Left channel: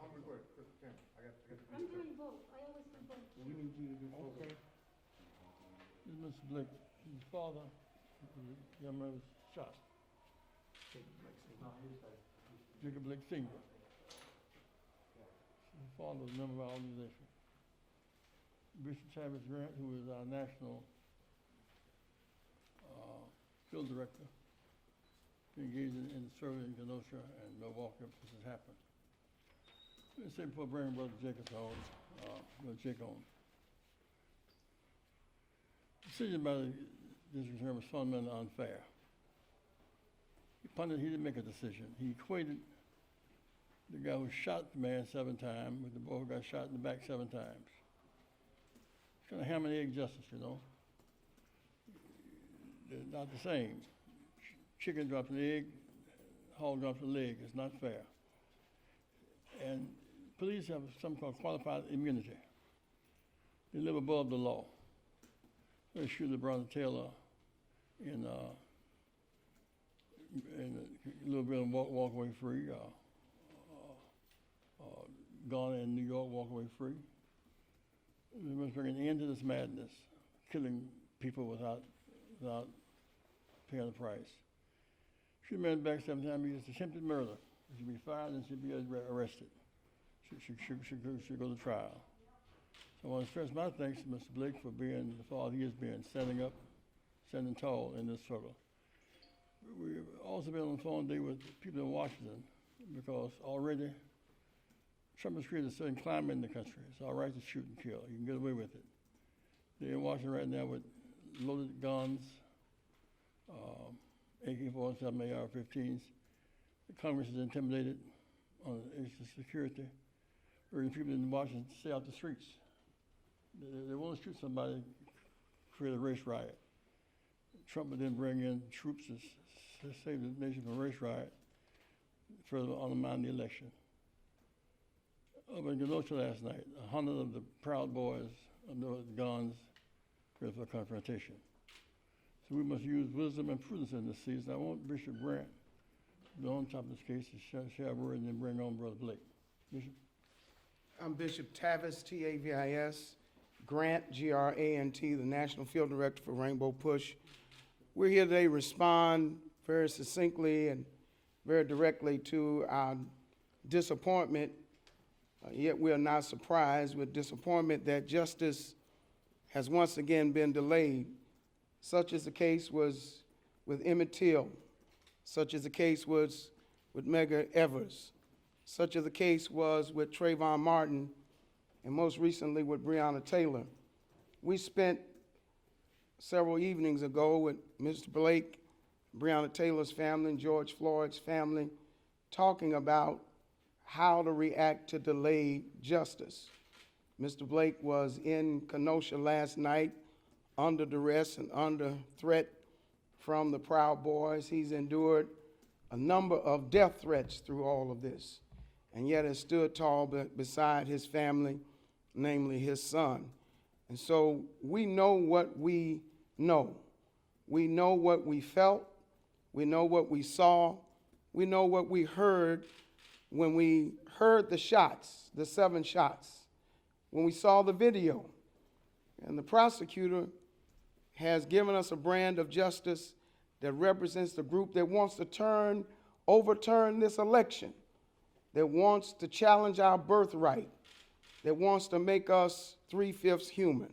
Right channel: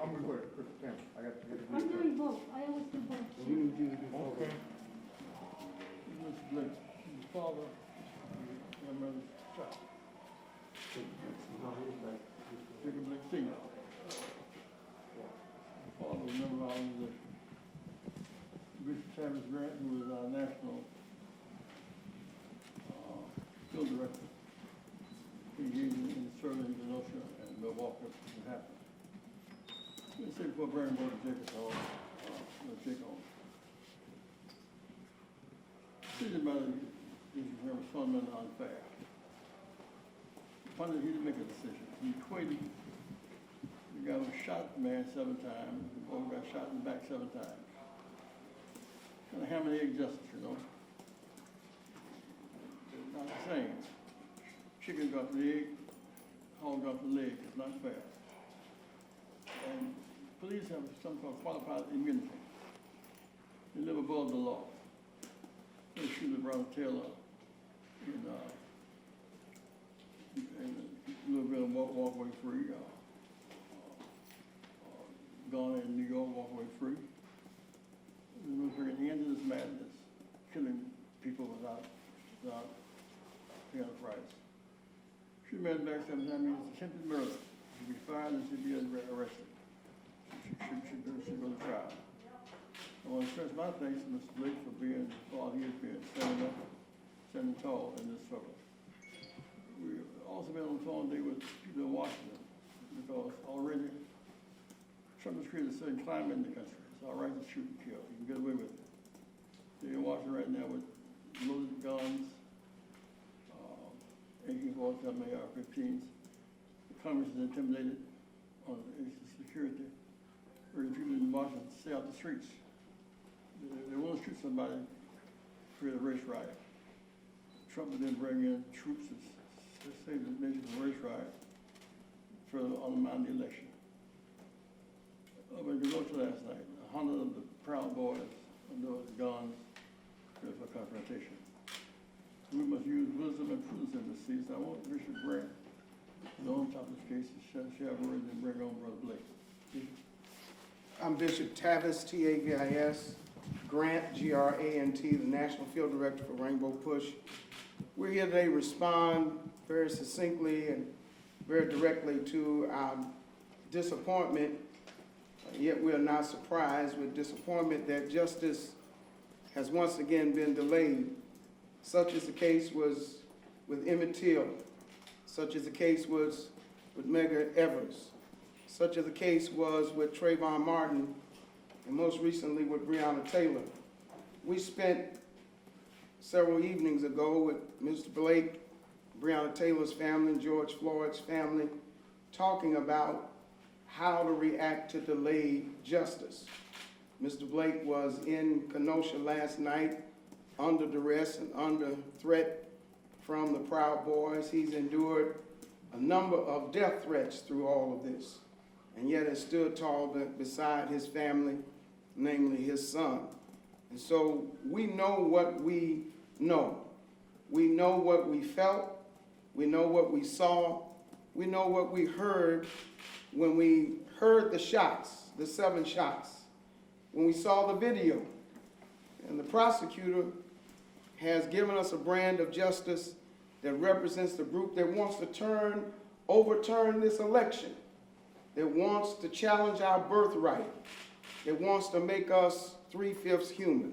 I'm gonna go ahead, Chris Campbell. I got to get it. I'm doing both. I always do both. You need to do both. Okay. Mr. Blake, his father, your mother's child, Jacob Blake Senior. The father was a member of our organization. Bishop Travis Grant, who was our national field director, engaged in serving in Kenosha and Milwaukee when it happened. Let's say before bringing both Jacob's home, Jacob home. The decision by the district attorney was fundamentally unfair. He didn't make a decision. He equated the guy who shot the man 7 times with the boy who got shot in the back 7 times. Kind of ham and egg justice, you know. It's not the same. Chicken dropped the egg, hog dropped the leg. It's not fair. And police have something called qualified immunity. They live above the law. They shoot LeBron Taylor in Louisville and walk away free. Gone in New York, walk away free. We must bring an end to this madness, killing people without paying a price. She made back 7 times. I mean, it's attempted murder. She'd be fired and she'd be arrested. She should go to trial. I want to express my thanks to Mr. Blake for being, for all he has been, standing tall in this struggle. We've also been on the phone today with people in Washington because already Trump has created a certain climate in the country. It's all right to shoot and kill. You can get away with it. They're in Washington right now with loaded guns, AK-47, AR-15s. The Congress is intimidated on the issue of security. Urging people in Washington to stay off the streets. They want to shoot somebody, create a race riot. Trump would then bring in troops to save the nation from a race riot, further undermine the election. Over in Kenosha last night, 100 of the Proud Boys under guns ready for confrontation. So we must use wisdom and prudence in this season. I want Bishop Grant, the on top of this case, to share a word and then bring on Brother Blake. Bishop? I'm Bishop Tavis, T-A-V-I-S, Grant, G-R-A-N-T, the National Field Director for Rainbow Push. We're here today to respond very succinctly and very directly to our disappointment, yet we are not surprised with disappointment that justice has once again been delayed. Such as the case was with Emmett Till, such as the case was with Medgar Evers, such as the case was with Trayvon Martin, and most recently with Breonna Taylor. We spent several evenings ago with Mr. Blake, Breonna Taylor's family, and George Floyd's family, talking about how to react to delayed justice. Mr. Blake was in Kenosha last night under duress and under threat from the Proud Boys. He's endured a number of death threats through all of this, and yet has stood tall beside his family, namely his son. And so we know what we know. We know what we felt. We know what we saw. We know what we heard when we heard the shots, the 7 shots, when we saw the video. And the prosecutor has given us a brand of justice that represents the group that wants to overturn this election, that wants to challenge our birthright, that wants to make us 3/5 human.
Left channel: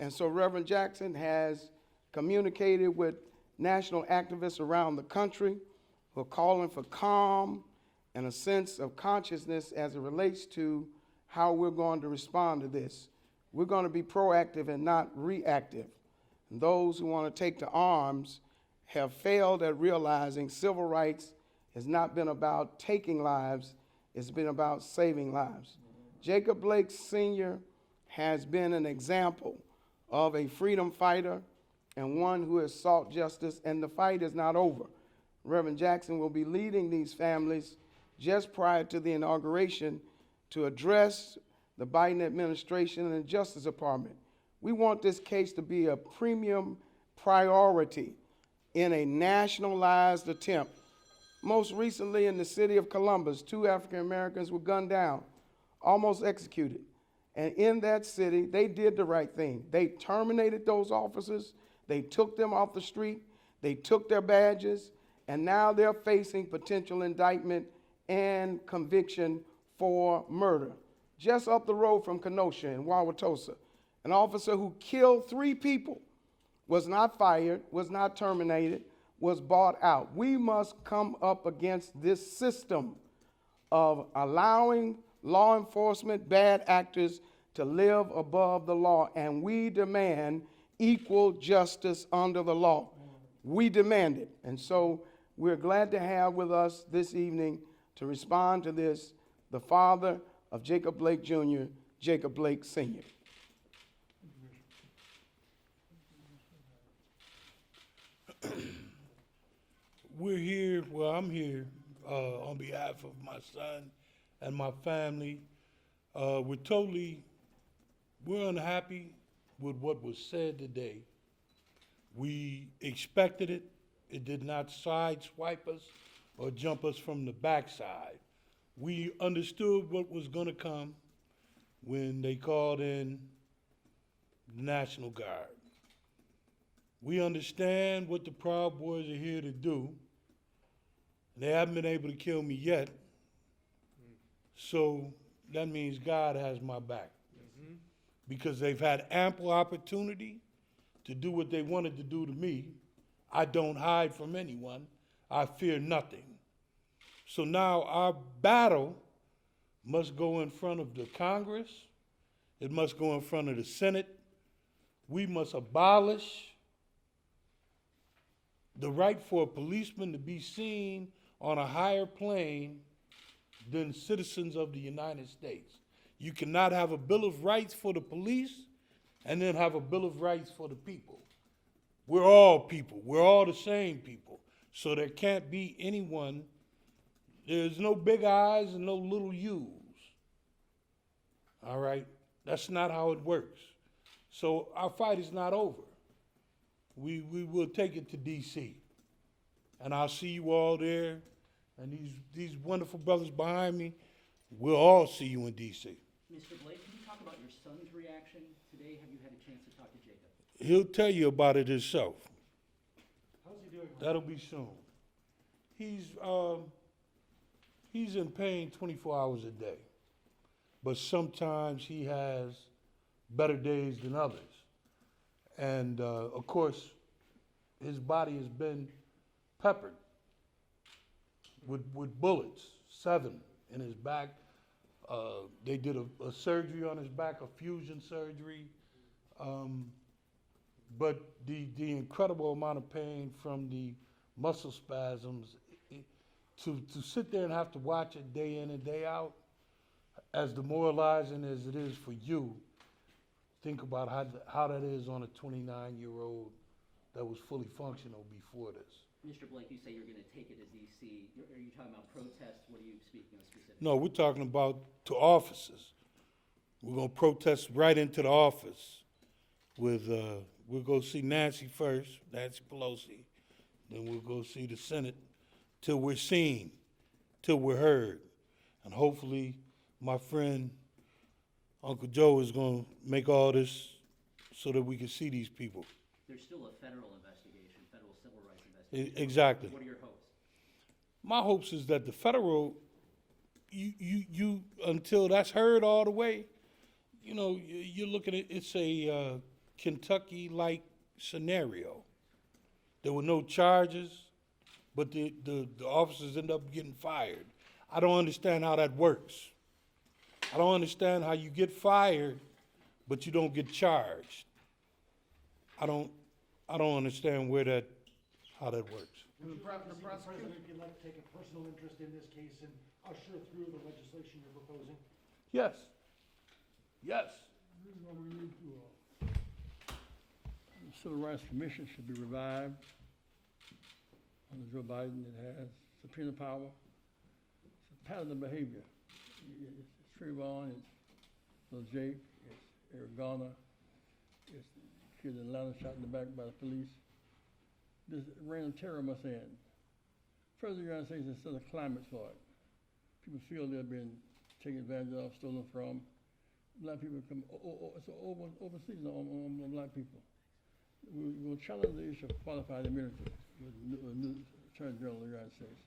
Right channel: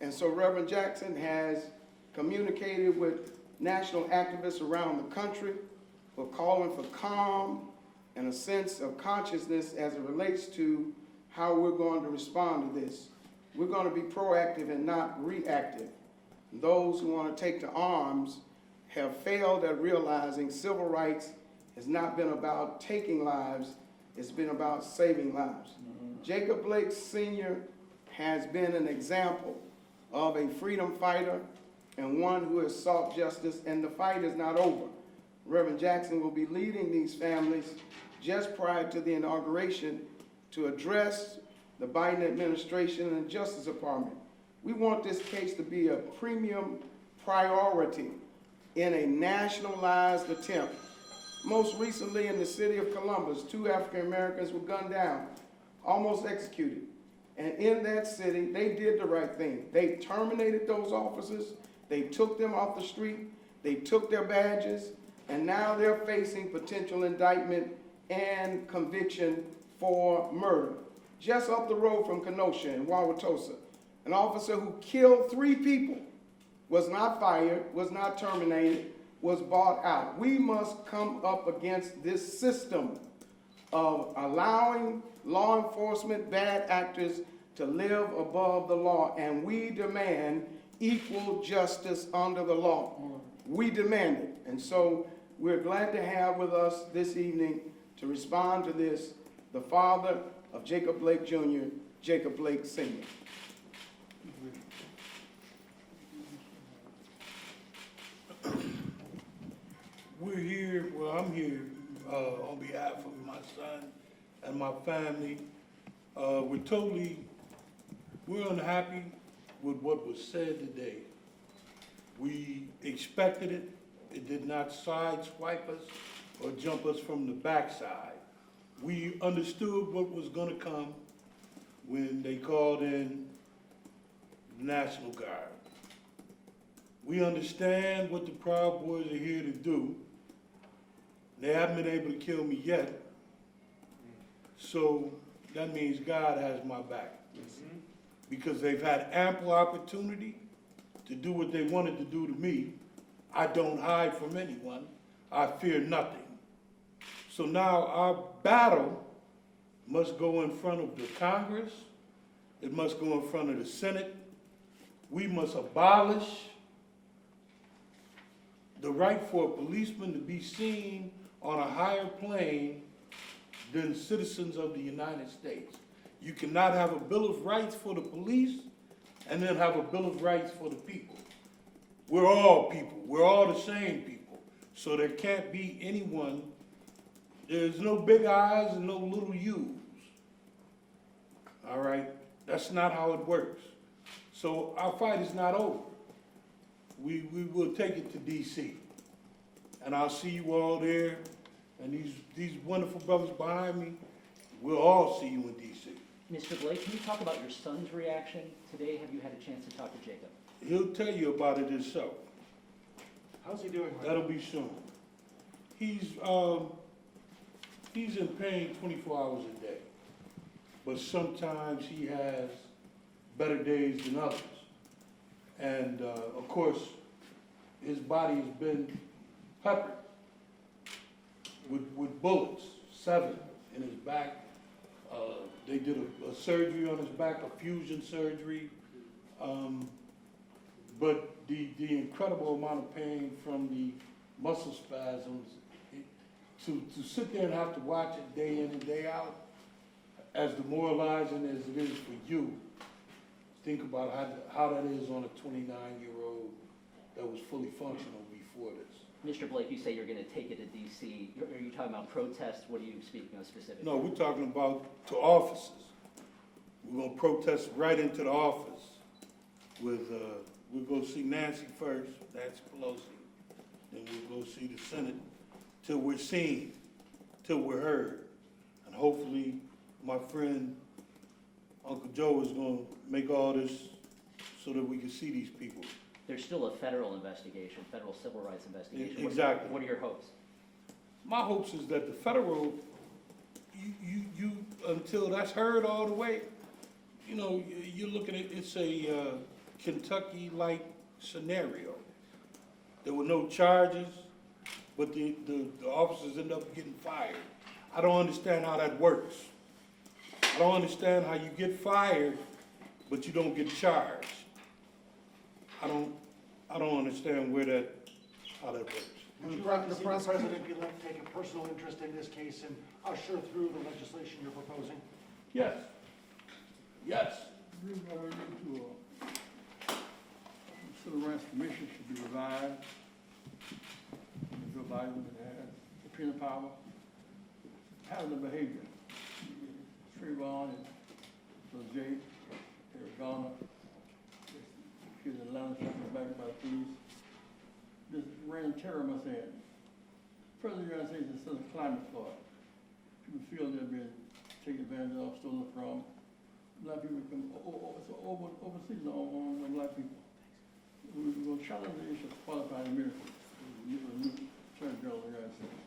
And so Reverend Jackson has communicated with national activists around the country who are calling for calm and a sense of consciousness as it relates to how we're going to respond to this. We're going to be proactive and not reactive. Those who want to take to arms have failed at realizing civil rights has not been about taking lives, it's been about saving lives. Jacob Blake Sr. has been an example of a freedom fighter and one who has sought justice, and the fight is not over. Reverend Jackson will be leading these families just prior to the inauguration to address the Biden administration and the Justice Department. We want this case to be a premium priority in a nationalized attempt Most recently in the city of Columbus, 2 African Americans were gunned down, almost executed. And in that city, they did the right thing. They terminated those officers, they took them off the street, they took their badges, and now they're facing potential indictment and conviction for murder. Just up the road from Kenosha in Wauwatosa, an officer who killed 3 people was not fired, was not terminated, was bought out. We must come up against this system of allowing law enforcement bad actors to live above the law, and we demand equal justice under the law. We demand it. And so we're glad to have with us this evening to respond to this the father of Jacob Blake Jr., Jacob Blake Sr. We're here, well, I'm here on behalf of my son and my family. We're unhappy with what was said today. We expected it. It did not sideswipe us or jump us from the backside. We understood what was gonna come when they called in the National Guard. We understand what the Proud Boys are here to do. They haven't been able to kill me yet, so that means God has my back. Because they've had ample opportunity to do what they wanted to do to me. I don't hide from anyone. I fear nothing. So now our battle must go in front of the Congress. It must go in front of the Senate. We must abolish the right for a policeman to be seen on a higher plane than citizens of the United States. You cannot have a Bill of Rights for the police and then have a Bill of Rights for the people. We're all people. We're all the same people. So there can't be anyone, there's no big I's and no little U's. All right? That's not how it works. So our fight is not over. We will take it to D.C. And I'll see you all there. And these wonderful brothers behind me, we'll all see you in D.C. Mr. Blake, can you talk about your son's reaction today? Have you had a chance to talk to Jacob? He'll tell you about it himself. How's he doing? That'll be soon. He's in pain 24 hours a day. But sometimes he has better days than others. And of course, his body has been peppered with bullets, 7 in his back. They did a surgery on his back, a fusion surgery. But the incredible amount of pain from the muscle spasms, to sit there and have to watch it day in and day out, as demoralizing as it is for you, think about how that is on a 29-year-old that was fully functional before this. Mr. Blake, you say you're going to take it to D.C. Are you talking about protests? What are you speaking of specifically? No, we're talking about to offices. We're going to protest right into the office with, we'll go see Nancy first, Nancy Pelosi. Then we'll go see the Senate till we're seen, till we're heard. And hopefully my friend Uncle Joe is going to make all this so that we can see these people. There's still a federal investigation, federal civil rights investigation. Exactly. What are your hopes? My hopes is that the federal, you until that's heard all the way, you know, you're looking at, it's a Kentucky-like scenario. There were no charges, but the officers end up getting fired. I don't understand how that works. I don't understand how you get fired, but you don't get charged. I don't understand how that works. Would you like to see the president-elect take a personal interest in this case and usher through the legislation you're proposing? Yes. Yes. The Civil Rights Commission should be revived. Joe Biden has subpoena power. It's pattern of behavior. Trayvon, Jake, Eric Garner, kid in Atlanta shot in the back by the police. This reign of terror must end. First, the United States has set a climate for it. People feel they're being taken advantage of, stolen from. Black people come overseas on black people. We'll challenge the issue of qualified immunity with the new Attorney General of the United States.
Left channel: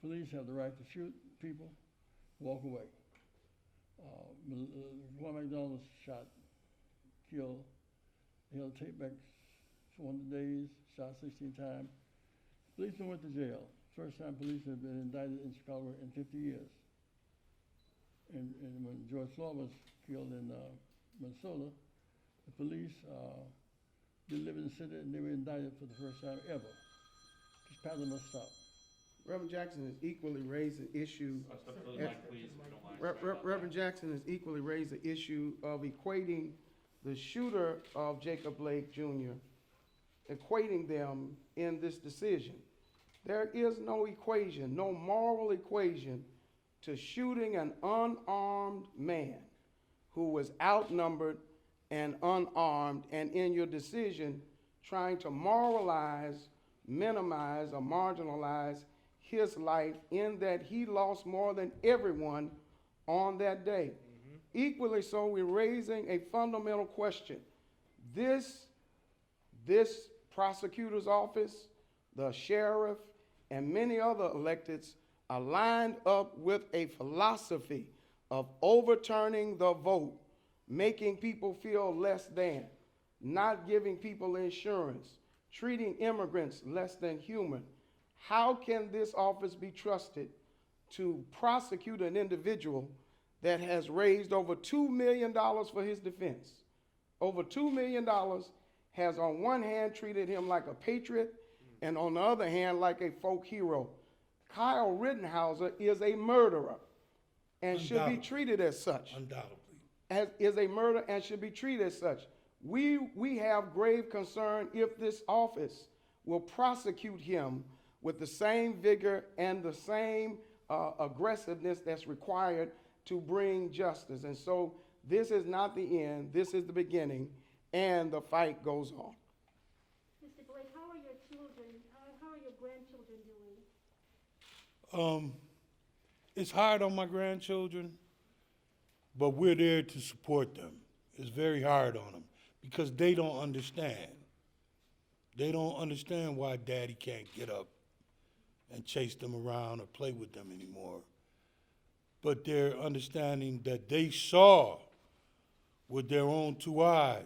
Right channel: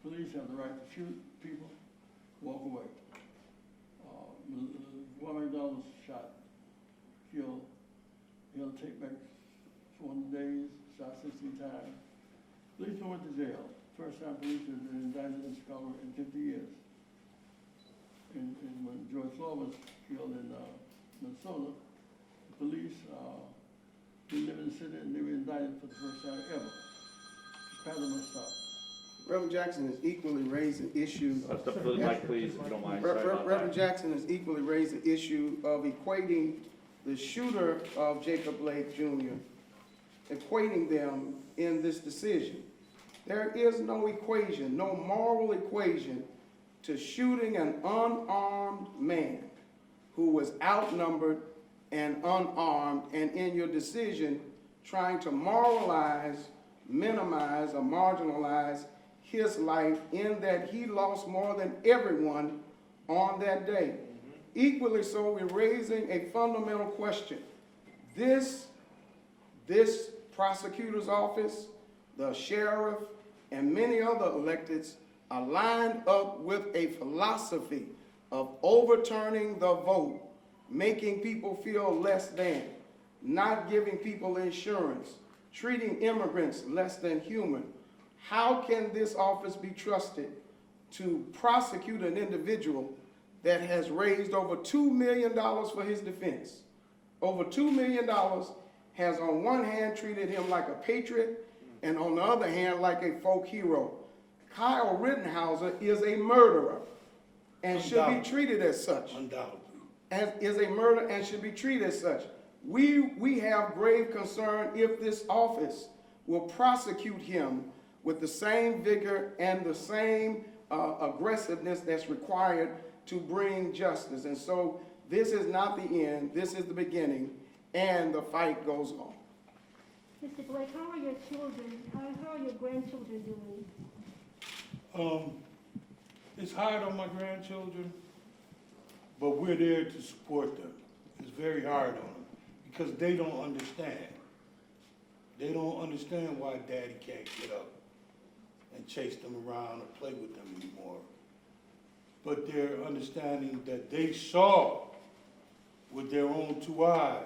Police have the right to shoot people, walk away. One McDonald was shot, killed. He had to take back 400 days, shot 16 times. Policeman went to jail. First time police have been indicted in Chicago in 50 years. And when George Floyd was killed in Minnesota, the police didn't live in the city and they were indicted for the first time ever. This kind of must stop. Reverend Jackson has equally raised an issue. Step to the mic, please, if you don't mind. Sorry about Reverend that. Jackson has equally raised the issue of equating the shooter of Jacob Blake Jr., equating them in this decision. There is no equation, no moral equation to shooting an unarmed man who was outnumbered and unarmed, and in your decision trying to moralize, minimize, or marginalize his life in that he lost more than everyone on that day. Equally so, we're raising a fundamental question. This prosecutor's office, the sheriff, and many other electeds are lined up with a philosophy of overturning the vote, making people feel less than, not giving people insurance, treating immigrants less than human. How can this office be trusted to prosecute an individual that has raised over $2 million for his defense? Over $2 million has on one hand treated him like a patriot and on the other hand like a folk hero. Kyle Rittenhauser is a murderer and should be treated as such. Undoubtedly. As is a murder and should be treated as such. We have grave concern if this office will prosecute him with the same vigor and the same aggressiveness that's required to bring justice. And so this is not the end, this is the beginning, and the fight goes on. Mr. Blake, how are your children, how are your grandchildren doing? It's hard on my grandchildren, but we're there to support them. It's very hard on them because they don't understand. They don't understand why daddy can't get up and chase them around or play with them anymore. But they're understanding that they saw with their own two eyes.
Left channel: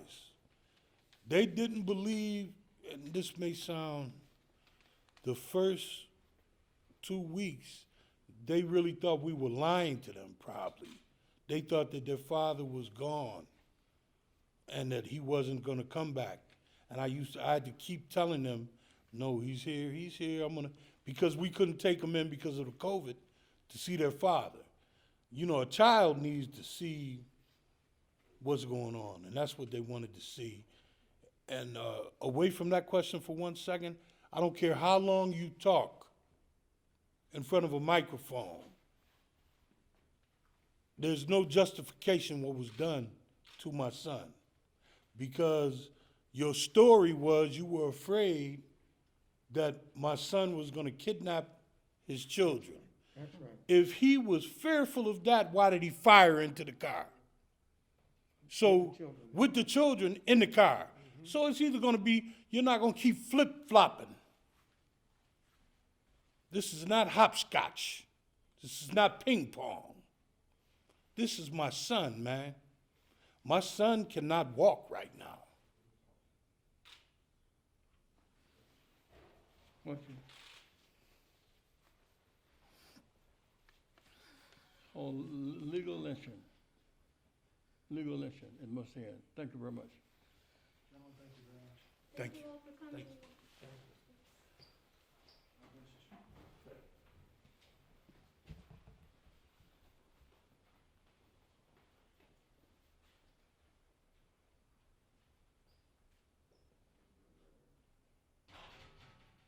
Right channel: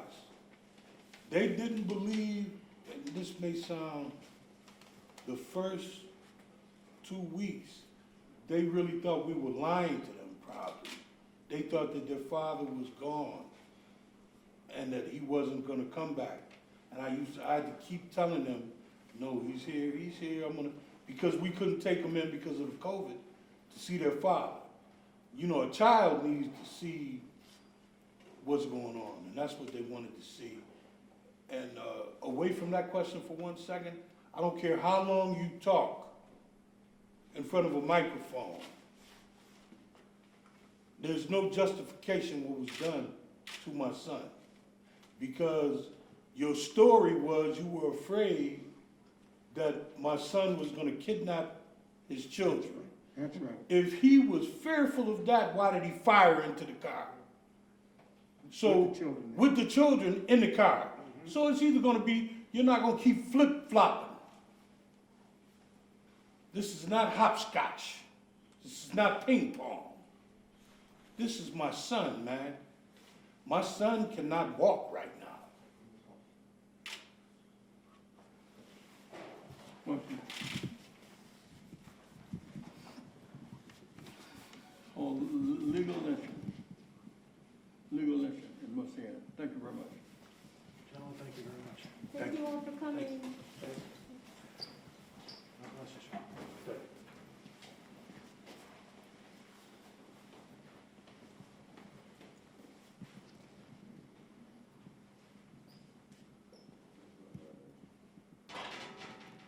They didn't believe, and this may sound, the first 2 weeks, they really thought we were lying to them probably. They thought that their father was gone and that he wasn't gonna come back. And I had to keep telling them, no, he's here, because we couldn't take them in because of the COVID to see their father. You know, a child needs to see what's going on, and that's what they wanted to see. And away from that question for 1 second, I don't care how long you talk in front of a microphone. There's no justification what was done to my son, because your story was you were afraid that my son was going to kidnap his children. That's right. If he was fearful of that, why did he fire into the car? So, with the children in the car. So it's either going to be, you're not going to keep flip-flopping. This is not hopscotch. This is not ping pong. This is my son, man. My son cannot walk right now.